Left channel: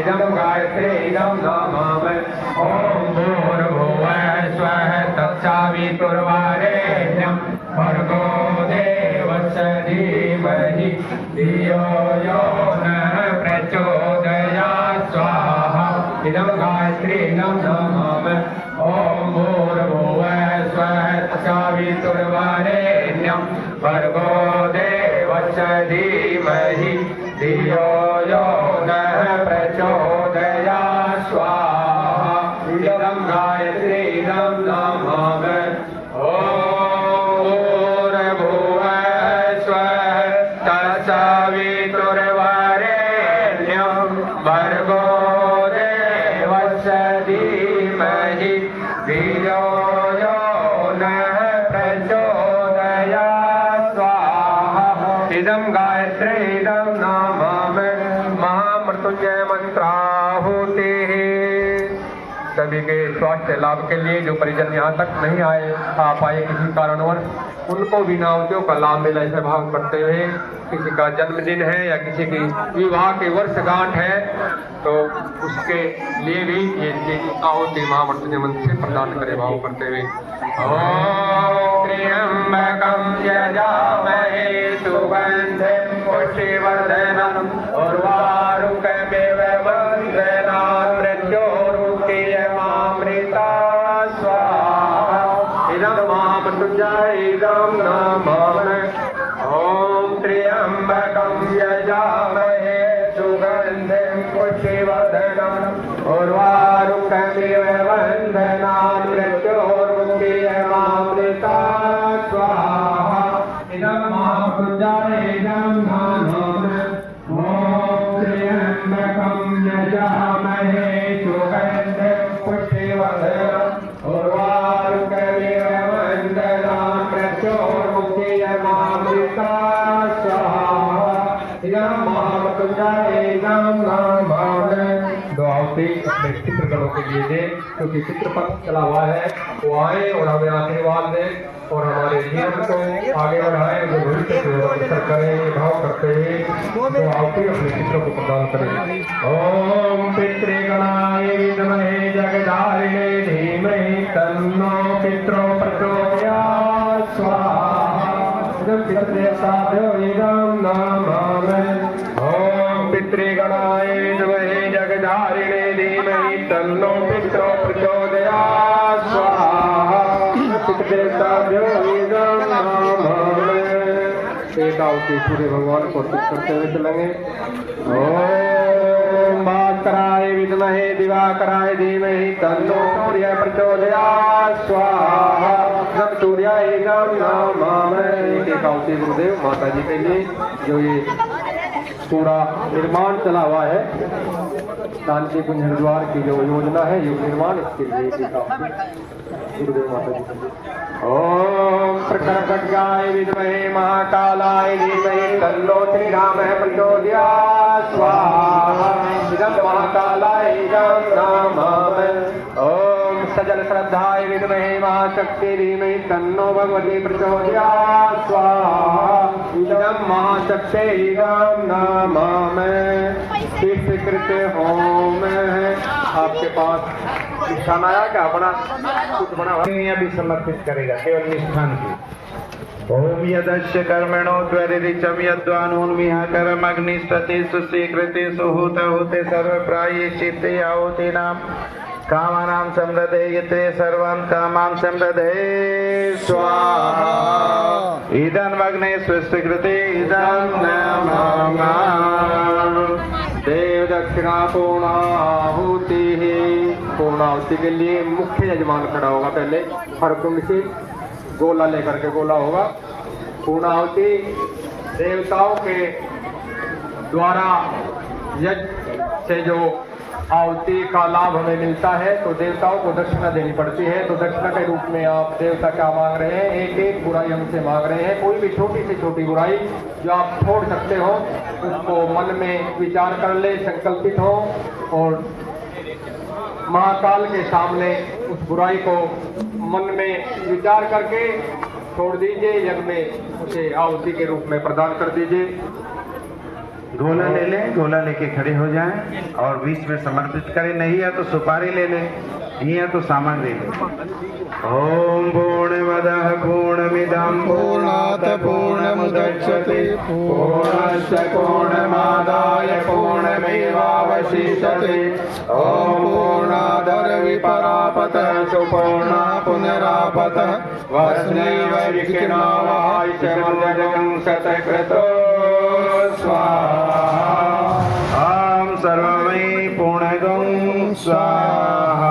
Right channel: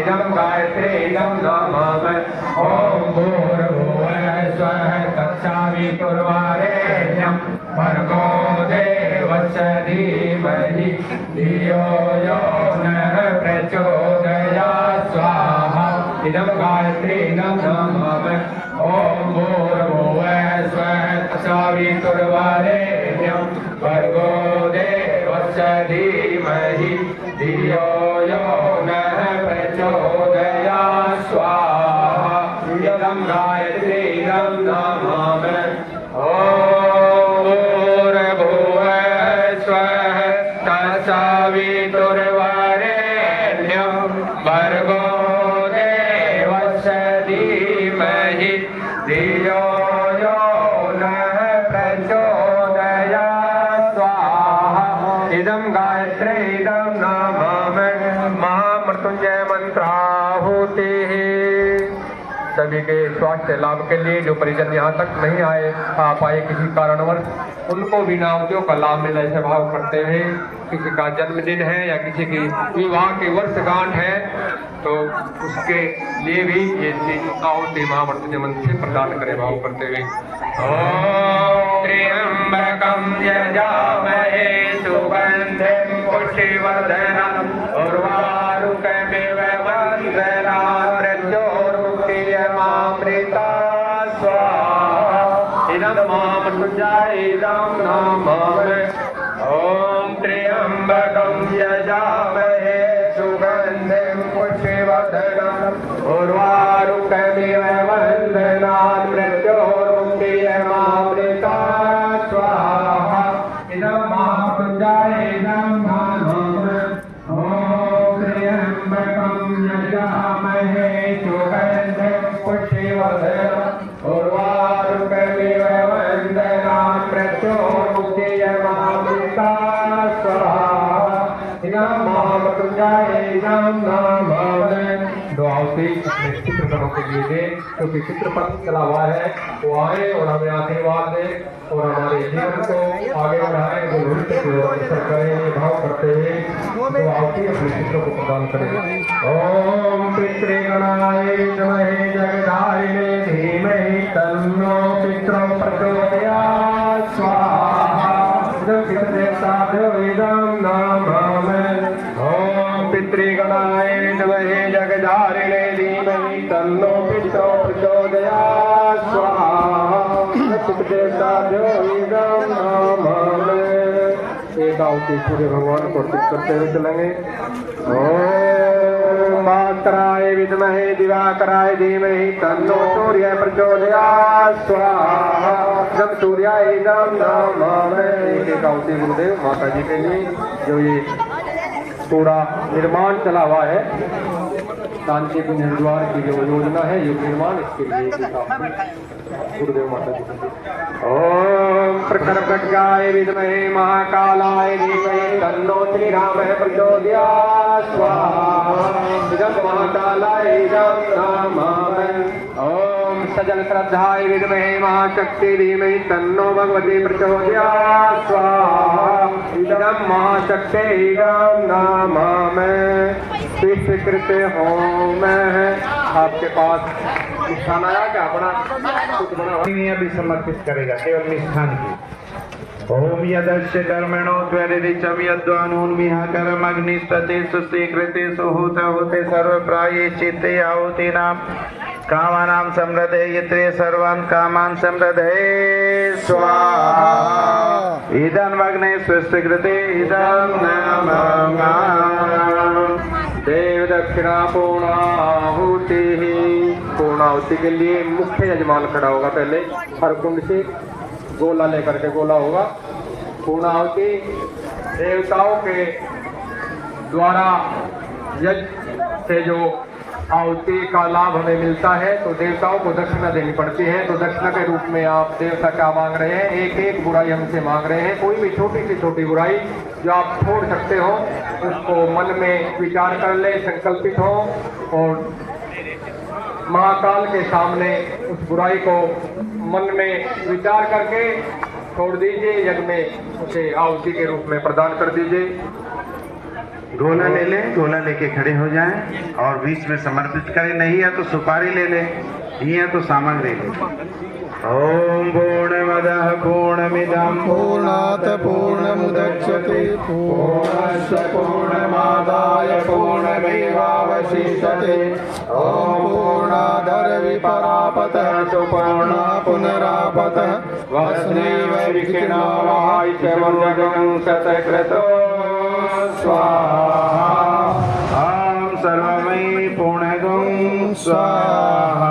इदं गायत्री इदं नमामि ॐ भूर्भुवः स्वः तत्सवितुर्वरेण्यं भर्गो देवस्य धीमहि धियो यो नः प्रचोदयात् स्वाहा इदं गायत्री इदं नमामि ॐ भूर्भुवः स्वः तत्सवितुर्वरेण्यं भर्गो देवस्य धीमहि धियो यो नः प्रचोदयात् स्वाहा इदं गायत्री इदं नमामि ॐ भूर्भुवः स्वः तत्सवितुर्वरेण्यं भर्गो देवस्य धीमहि धियो यो नः प्रचोदयात् स्वाहा इदं गायत्री इदं नमामि महामृत्युंजय मंत्राहुतिः। सभी के स्वास्थ्य लाभ के लिए जो परिजन यहाँ तक नहीं आ पाए किसी कारणवश, उनको भी नावतियों का लाभ मिले ऐसे भाव करते हुए, किसी का जन्मदिन है या किसी की विवाह की वर्षगांठ है तो उसके लिए भी ये चीज आहुति महामृत्युंजय मंत्र से प्रदान करे भाव करते हुए। ओम त्र्यंबकं यजामहे सुगंधिं पुष्टिवर्धनम् उर्वारुकमिव बन्धनात् मृत्योर्मुक्षीयमामृता स्वाहा इदं महामृत्युंजय इदं नमामि ॐ त्र्यंबकं यजामहे सुगन्धिं पुष्टिवर्धनम् उर्वारुकमिव बन्धनात् मृत्योर्मुक्षीयमामृता स्वाहा इदं महामृत्युंजय इदं नमामि ॐ त्र्यंबकं यजामहे सुगन्धिं पुष्टिवर्धनम् उर्वारुकमिव बन्धनात् मृत्योर्मुक्षीयमामृता स्वाहा इदं महामृत्युंजय इदं नमामि। दो आहुति अपने चित्रकरों के लिए दें, क्योंकि चित्र पर चला हुआ है वो आए और हमें आशीर्वाद दें और हमारे जीवन को आगे बढ़ाए, जो भविष्य की ओर अग्रसर करें, भाव करते हुए दो आहुति अपने चित्रों को प्रदान करें। ओम पितृगणाय विद्महे जगदारिणे धीमहि तन्नो पितरो प्रचोदयात् स्वाहा इदं पितृदेवताभ्यो इदं नमामि ओम पितृगणाय विद्महे जगदारिणे धीमहि तन्नो पितरो प्रचोदयात् स्वाहा पितृदेवताभ्यो इदं नमामि। एक आहुति सूर्य भगवान को अर्पित करते हुए चलेंगे। ओम भास्कराय विद्महे दिवाकराय धीमहि तन्नो सूर्यः प्रचोदयात् स्वाहा इदं सूर्याय इदं नमामि। एक आहुति गुरुदेव माता जी के लिए जो ये पूरा निर्माण चला हुआ है, शांति कुंज हरिद्वार की जो योजना है ये निर्माण, इसके लिए गुरुदेव माता जी के लिए। ओम प्रखरखड्गाय विद्महे महाकालाय धीमहि तन्नो श्रीरामः प्रचोदयात् स्वाहा इदं महाकालाय इदं नमामि ओम सजल श्रद्धाय विद्महे महाशक्ति धीमहि तन्नो भगवती प्रचोदयात् स्वाहा इदं महाशक्ति इदं नमामि। स्वीकृत होम आपके पास निशान आया क्या? बड़ा कुछ बना अभी समर्पित करेगा केवल निष्ठान की। ओम यदस्य कर्मणो त्वरितं यद्वानोन्मिहा कर्मग्निस्ततेषु स्वीकृतेषु होते सर्वप्रायश्चित्ते आहुतीनां कामानां समृद्धये यत्रे सर्वान् कामान् समृद्धये स्वाहा इदं अग्ने स्वीकृते इदं नमामि। देव दक्षिणा पूर्णाहुतिः। पूर्णाहुति के लिए मुख्य यजमान खड़ा होगा, पहले भरकुंड से गोला लेकर के गोला होगा। पूर्णाहुति देवताओं के द्वारा यज्ञ से जो आहुति का लाभ हमें मिलता है तो देवताओं को दक्षिणा देनी पड़ती है। तो दक्षिणा के रूप में आप देवता क्या मांग रहे हैं? एक एक बुराई हमसे मांग रहे हैं। कोई भी छोटी से छोटी बुराई जो आप छोड़ सकते हो उसको मन में विचार कर ले, संकल्पित हो और महाकाल के सामने उस बुराई को मन में विचार करके छोड़ दीजिए। यज्ञ में उसे आहुति के रूप में प्रदान कर दीजिए। गोला ले लें, गोला लेके खड़े हो जाएं और बीच में समर्पित करें। नहीं है तो सुपारी ले लें, ये है तो सामग्री ले लें। ओम पूर्णमदः पूर्णमिदं पूर्णात् पूर्णमुदच्यते पूर्णस्य पूर्णमादाय पूर्णमेवावशिष्यते। ॐ पूर्णाधरविपरापतः पूर्णः पुनरापतः वसुनैव विकीर्णावः शतकृतो स्वाहा। ॐ सर्वमयि पूर्णगं स्वाहा।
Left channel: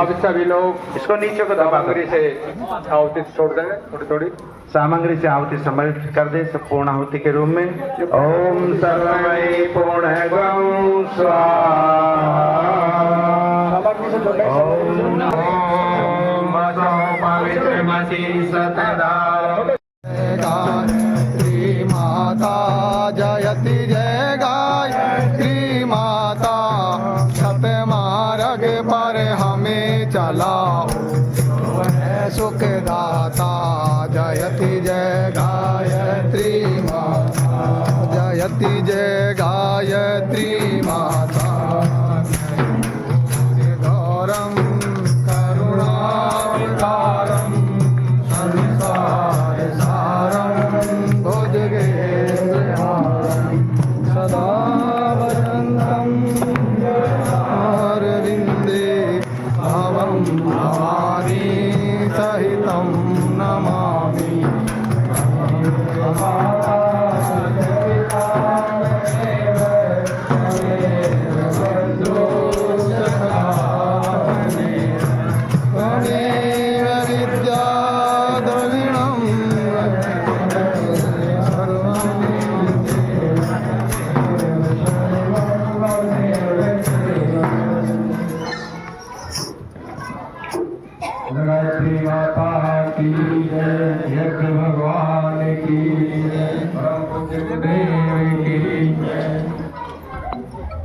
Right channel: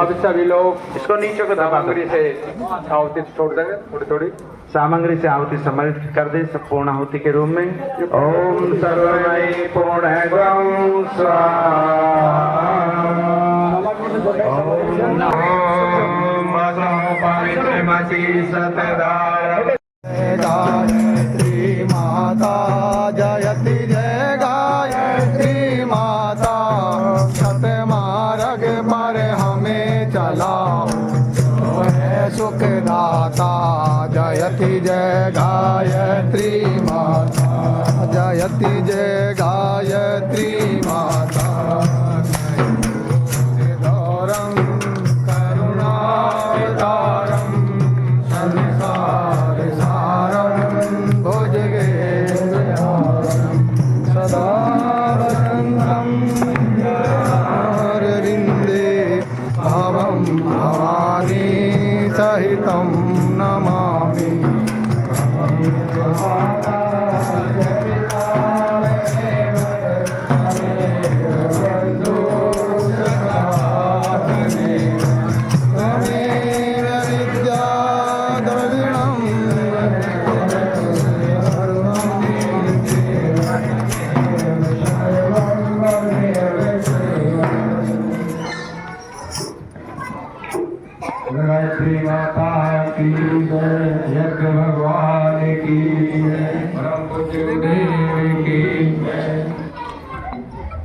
अब सभी लोग इसको नीचे को सामग्री से आहुति छोड़ देंगे, थोड़ी थोड़ी सामग्री से आहुति समर्पित कर दे सब पूर्ण आहुति के रूप में। ओम सर्वमयि पूर्णगं स्वाहा। ओम पवित्रमसि सतदा। गायत्री माता जयति जय गायत्री माता। छत मार्ग पर हमें चलाओ सुखदाता। जयति जय गायत्री माता, जयति जय गायत्री माता। गौरम करुणावतारम संसार सारम भुजगेन्द्रहारम सदा वसन्तं अरविन्दे भवं भवानी सहितं नमामि। त्वमेव विद्या द्रविणं गायत्री माता की जय, यज्ञ भगवान की जय, परम पूज्य गुरुदेव की जय।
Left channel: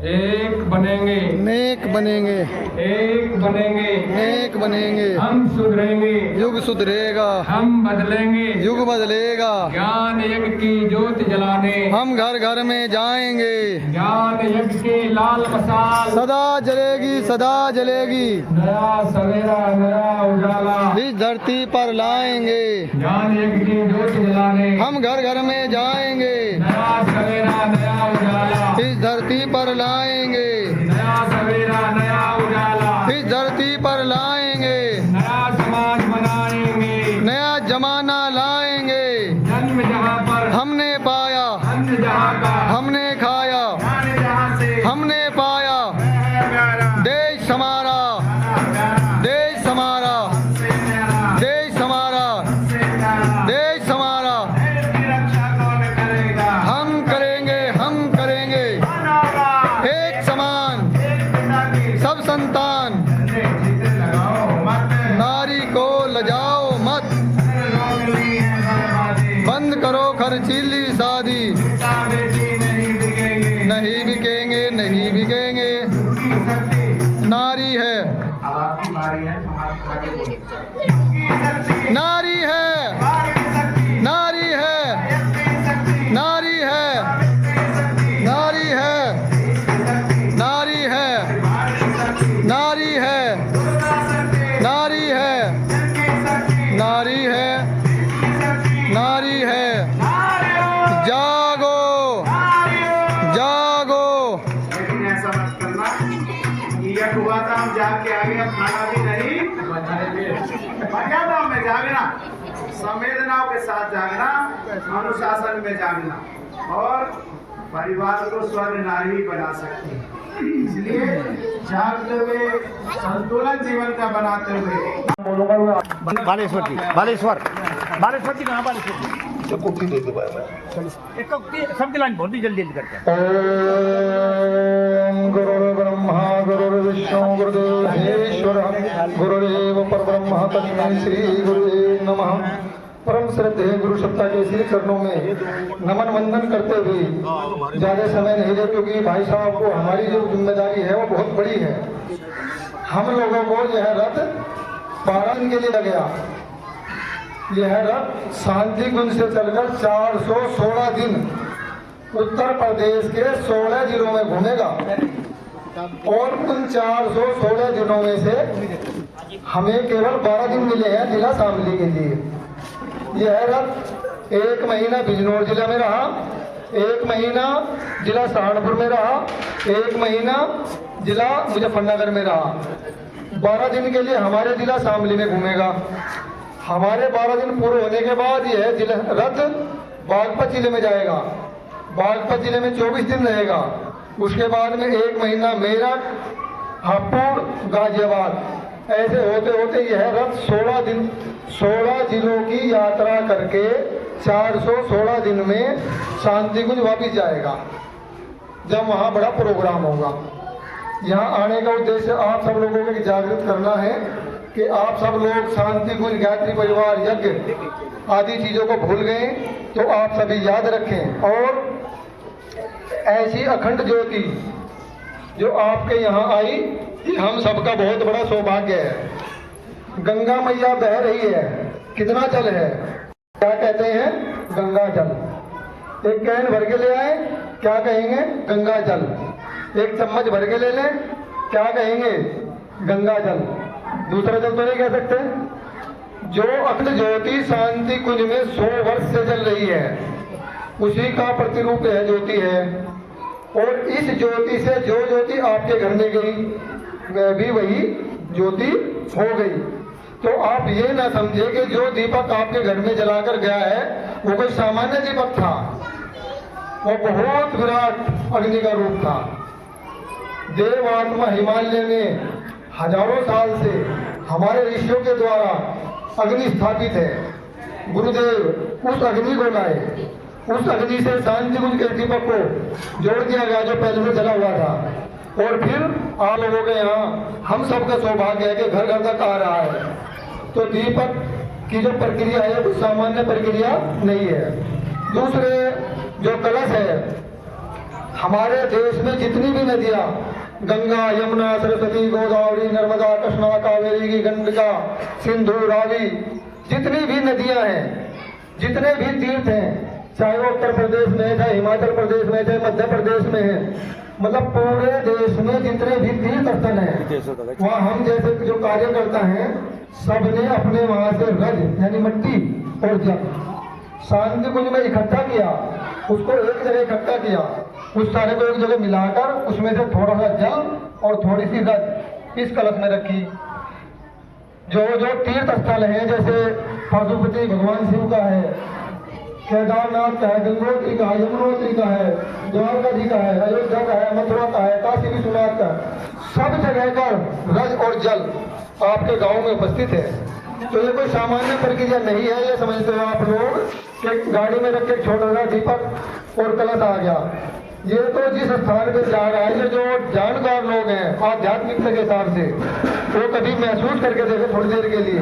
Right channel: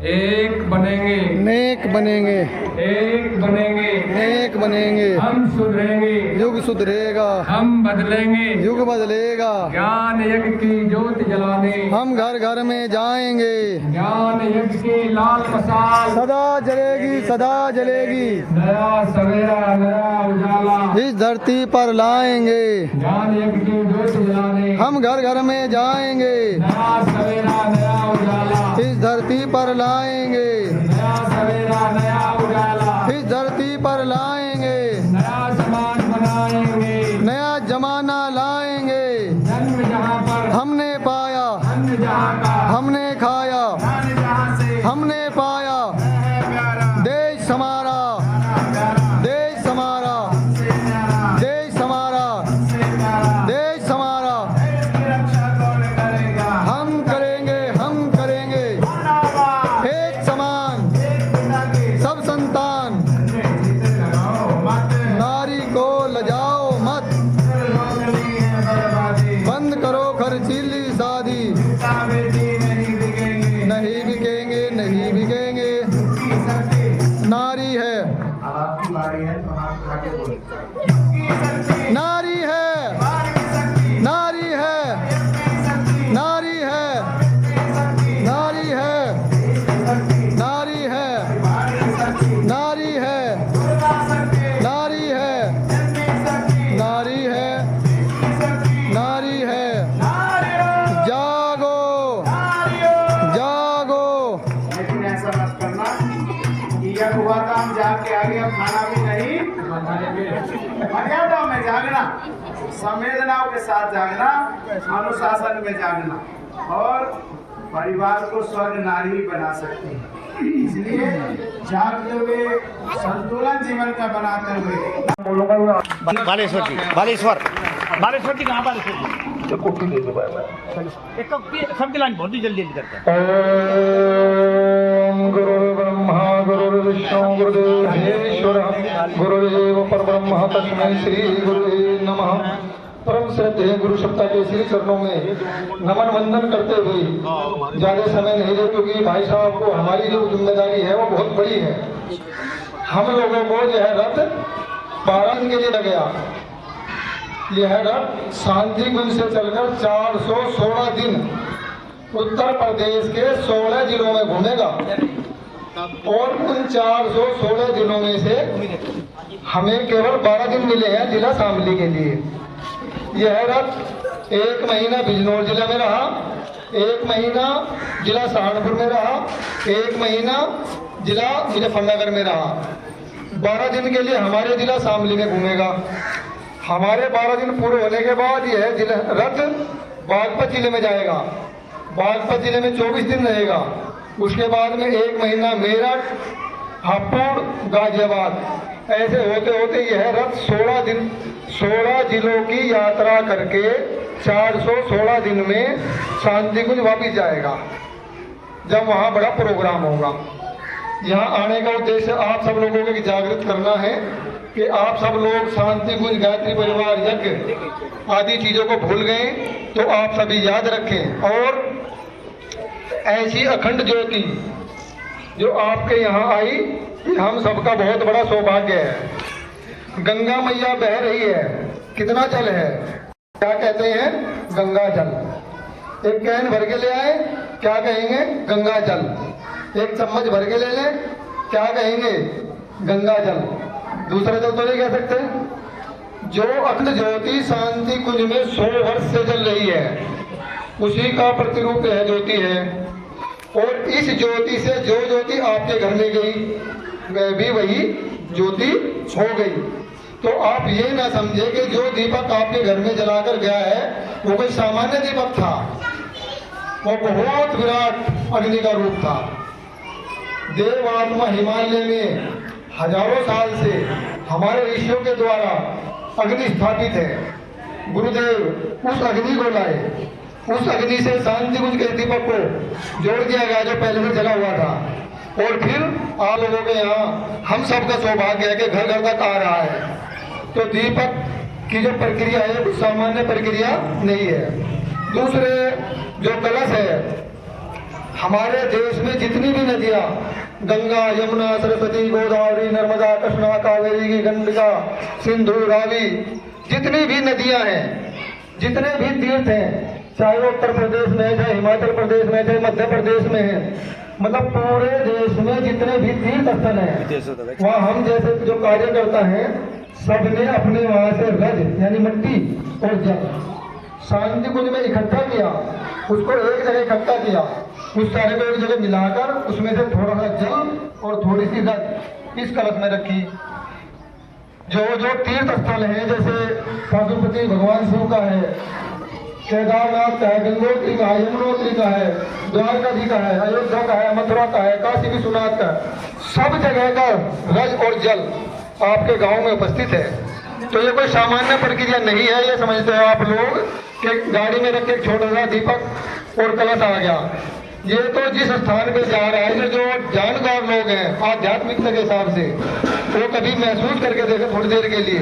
एक बनेंगे, नेक बनेंगे, एक बनेंगे, नेक बनेंगे। हम सुधरेंगे, युग सुधरेगा, हम बदलेंगे, युग बदलेगा। ज्ञान यज्ञ की ज्योति जलाने हम घर घर में जाएंगे, ज्ञान यज्ञ की लाल मशाल सदा जलेगी, सदा जलेगी। नया सवेरा नया उजाला इस धरती पर लाएंगे, ज्ञान यज्ञ की ज्योति जलाने हम घर घर में जाएंगे। नया सवेरा नया उजाला इस धरती पर लाएंगे, नया सवेरा नया उजाला इस धरती पर लाएंगे। नया समाज बनाएंगे, नया जमाना लाएंगे। जन्म जहाँ पर हमने पाया, अन्न जहाँ का हमने खाया, हमने पाया। देश हमारा, देश हमारा, देश हमारा, देश हमारा। हम करेंगे, हम करेंगे। एक समान सब संतान, नारी को लजाओ मत। बंद करो खर्चीली शादी, नहीं बिकेंगे, नहीं बिकेंगे। नारी है, नारी है, नारी है, नारी है, नारी है, नारी है, नारी है, नारी है, नारी है, नारी है। जागो, जागो। लेकिन ऐसा मत करना कि यह हुआ था हम जाग के आगे अब खाना भी नहीं मर्यादा में जागना, संवेदनाओं के साथ जागना, अनुशासन में जागना और परिवार को स्वर्ग नारी बना सकती है। इसलिए जागते हुए संतुलन जीवन का बनाते हुए। बालेश्वर जी, बालेश्वर, बालेश्वर जी कहाँ? बालेश्वर जी एक सबकी लाइन बहुत ही जल्दी जल्दी करते हैं। ओम गुरुर्ब्रह्मा गुरुर्विष्णु गुरुदेव गुरुदेव परब्रह्म तस्मै श्री गुरुवे नमः। परम श्रद्धेय गुरु सप्ताह के श्री चरणों में नमन वंदन करते हुए ज्यादा समय नहीं ले, क्योंकि भाई साहब को हमारी जो जिम्मेदारी है वो बहुत बड़ी है। हम लोगों को यह रथ पारण के लिए गया। यह रथ शांति कुंज से चलकर 416 दिन उत्तर प्रदेश के 16 जिलों में घूमेगा और उन 416 जिलों में से हमें केवल 12 दिन मिले हैं जिला शामली के लिए। यह रथ 1 महीना बिजनौर जिला में रहा, 1 महीना जिला सहारनपुर में रहा, 1 महीना जिला मुजफ्फरनगर में रहा। 12 दिन के लिए हमारे जिला शामली में घूमेगा। हमारे 12 दिन पूरे होने के बाद यह जिला रथ बागपत जिले में जाएगा। बागपत जिले में 24 दिन रहेगा। उसके बाद में 1 महीना मेरठ, हापुड़, गाजियाबाद, ऐसे होते होते यह रथ 16 दिन 16 जिलों की यात्रा करके 416 दिन में शांतिकुंज वापिस जाएगा, जब वहाँ बड़ा प्रोग्राम होगा। यहाँ आने का उद्देश्य आप सब लोगों को जागृत करना है कि आप सब लोग शांतिकुंज, गायत्री परिवार, यज्ञ आदि चीज़ों को भूल गए, तो आप सभी याद रखें। और ऐसी अखंड ज्योति जो आपके यहाँ आई, ये हम सबका बहुत बड़ा सौभाग्य है। गंगा मैया बह रही है, कितना जल है, क्या कहते हैं, गंगा जल। एक कैन भर के ले आए, क्या कहेंगे, गंगा जल। एक चम्मच भर के ले लें, क्या कहेंगे, गंगा जल। दूसरा जल तो नहीं कह सकते। जो अखंड ज्योति शांति कुंज में 100 वर्ष से जल रही है, उसी का प्रतिरूप है ज्योति है। और इस ज्योति से जो ज्योति आपके घर में गई, वह भी वही ज्योति हो गई। तो आप ये ना समझे कि जो दीपक आपके घर में जलाकर गया है वो कोई सामान्य दीपक था, वो बहुत विराट अग्नि का रूप था। देव आत्मा हिमालय में हजारों साल से हमारे ऋषियों के द्वारा अग्नि स्थापित है। गुरुदेव उस अग्नि को लाए, उस अग्नि से शांतिकुंज के दीपक को जोड़ दिया गया जो पहले से जला हुआ था। और फिर आप लोगों के यहाँ हम सबका सौभाग्य है कि घर घर तक आ रहा है। तो दीपक की जो प्रक्रिया है वो सामान्य प्रक्रिया नहीं है। दूसरे जो कलश है, हमारे देश में जितनी भी नदियाँ, गंगा, यमुना, सरस्वती, गोदावरी, नर्मदा, कृष्णा, कावेरी, गंडका, सिंधु, रावी, जितनी भी नदियाँ हैं, जितने भी तीर्थ हैं, चाहे वो उत्तर प्रदेश में है, चाहे हिमाचल प्रदेश में, चाहे मध्य प्रदेश में है, मतलब पूरे देश में जितने भी तीर्थ स्थल हैं, वहाँ हम जैसे जो कार्यकर्ता हैं, सबने अपने वहाँ से रज यानी मिट्टी और जल शांतिकुंज में इकट्ठा किया, उसको एक जगह इकट्ठा किया, उस सारे को एक जगह मिलाकर उसमें से थोड़ा सा जल और थोड़ी सी रज इस कलश में रखी। जो जो तीर्थ स्थल हैं, जैसे पशुपति भगवान शिव का है, केदारनाथ का है, गंगोत्री का है, यमुनोत्री का है, द्वारका जी का है, अयोध्या का है, मथुरा का है, काशी विश्वनाथ का, सब जगह का रज और जल आपके गांव में उपस्थित है। तो ये कोई सामान्य प्रक्रिया नहीं है, ये समझते हो आप लोग कि गाड़ी में रख के छोटा सा दीपक और कलश आ गया। ये तो जिस स्थान पे जा रहा है, जो जानकार लोग हैं आध्यात्मिकता के हिसाब से, वो कभी महसूस करके देखे थोड़ी देर के लिए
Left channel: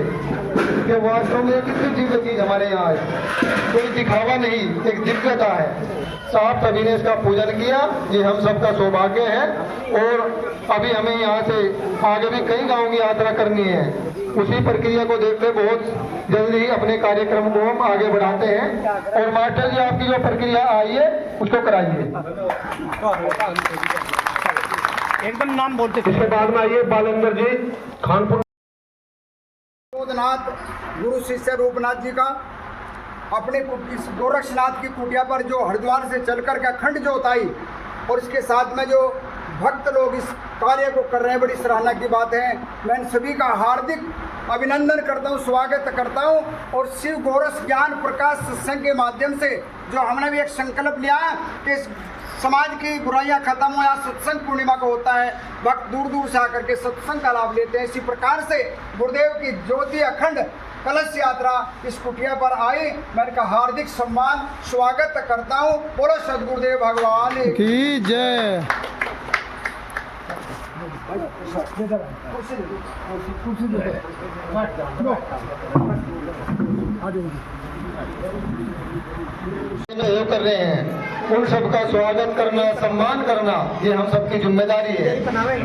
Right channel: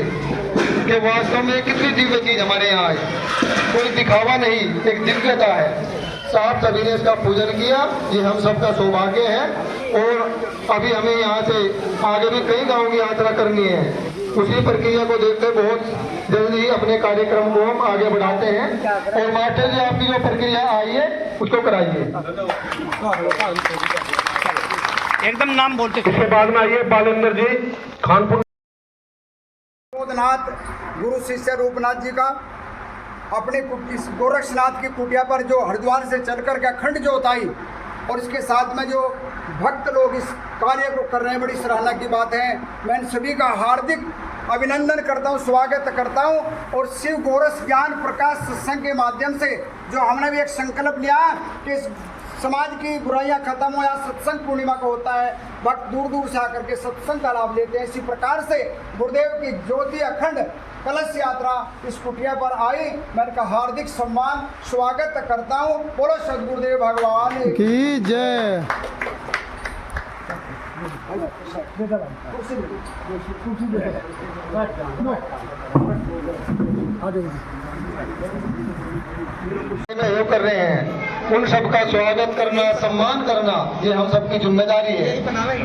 कि वास्तव में कितनी दिव्य चीज हमारे यहाँ आई। कोई दिखावा नहीं, एक दिव्यता है। साहब सभी ने इसका पूजन किया, ये हम सबका सौभाग्य है। और अभी हमें यहाँ से आगे भी कई गाँव की यात्रा करनी है। उसी प्रक्रिया को देखते बहुत जल्दी ही अपने कार्यक्रम को हम आगे बढ़ाते हैं। और मास्टर जी, आपकी जो प्रक्रिया आई है उसको कराइए। एकदम नाम बोलते। इसके बाद में आइए बालेंद्र जी खानपुर। गुरु शिष्य रूपनाथ जी का अपने इस गोरक्षनाथ की कुटिया पर जो हरिद्वार से चलकर के अखंड ज्योत आई, और इसके साथ में जो भक्त लोग इस कार्य को कर रहे हैं, बड़ी सराहना की बात है। मैं इन सभी का हार्दिक अभिनंदन करता हूँ, स्वागत करता हूँ। और शिव गोरस ज्ञान प्रकाश सत्संग के माध्यम से जो हमने भी एक संकल्प लिया कि समाज की बुराइयां खत्म हो, यहाँ सत्संग पूर्णिमा को होता है, भक्त दूर दूर से आकर के सत्संग का लाभ लेते हैं। इसी प्रकार से गुरुदेव की ज्योति अखंड कलश यात्रा इस कुटिया पर आई। मैं इनका हार्दिक सम्मान स्वागत करता हूँ। बोलो सदगुरुदेव भगवान की जय। सहयोग कर रहे हैं, उन सबका स्वागत करना, सम्मान करना, ये हम सबकी जिम्मेदारी है।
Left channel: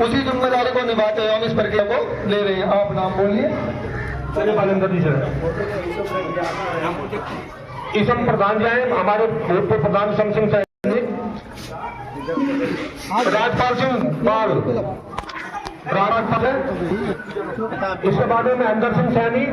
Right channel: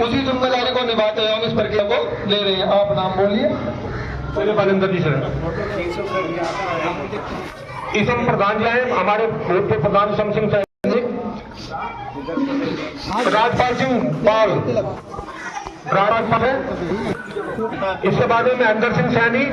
उसी जिम्मेदारी को निभाते हुए हम इस प्रक्रिया को ले रहे हैं। आप नाम बोलिए। चलिए बालेंद्र जी सर। इसम प्रधान जी हैं, हमारे भूतपूर्व प्रधान शमसिंह सैनिक। राजपाल सिंह पाल, राजपाल है। इसके बाद में महेंद्र सिंह सैनी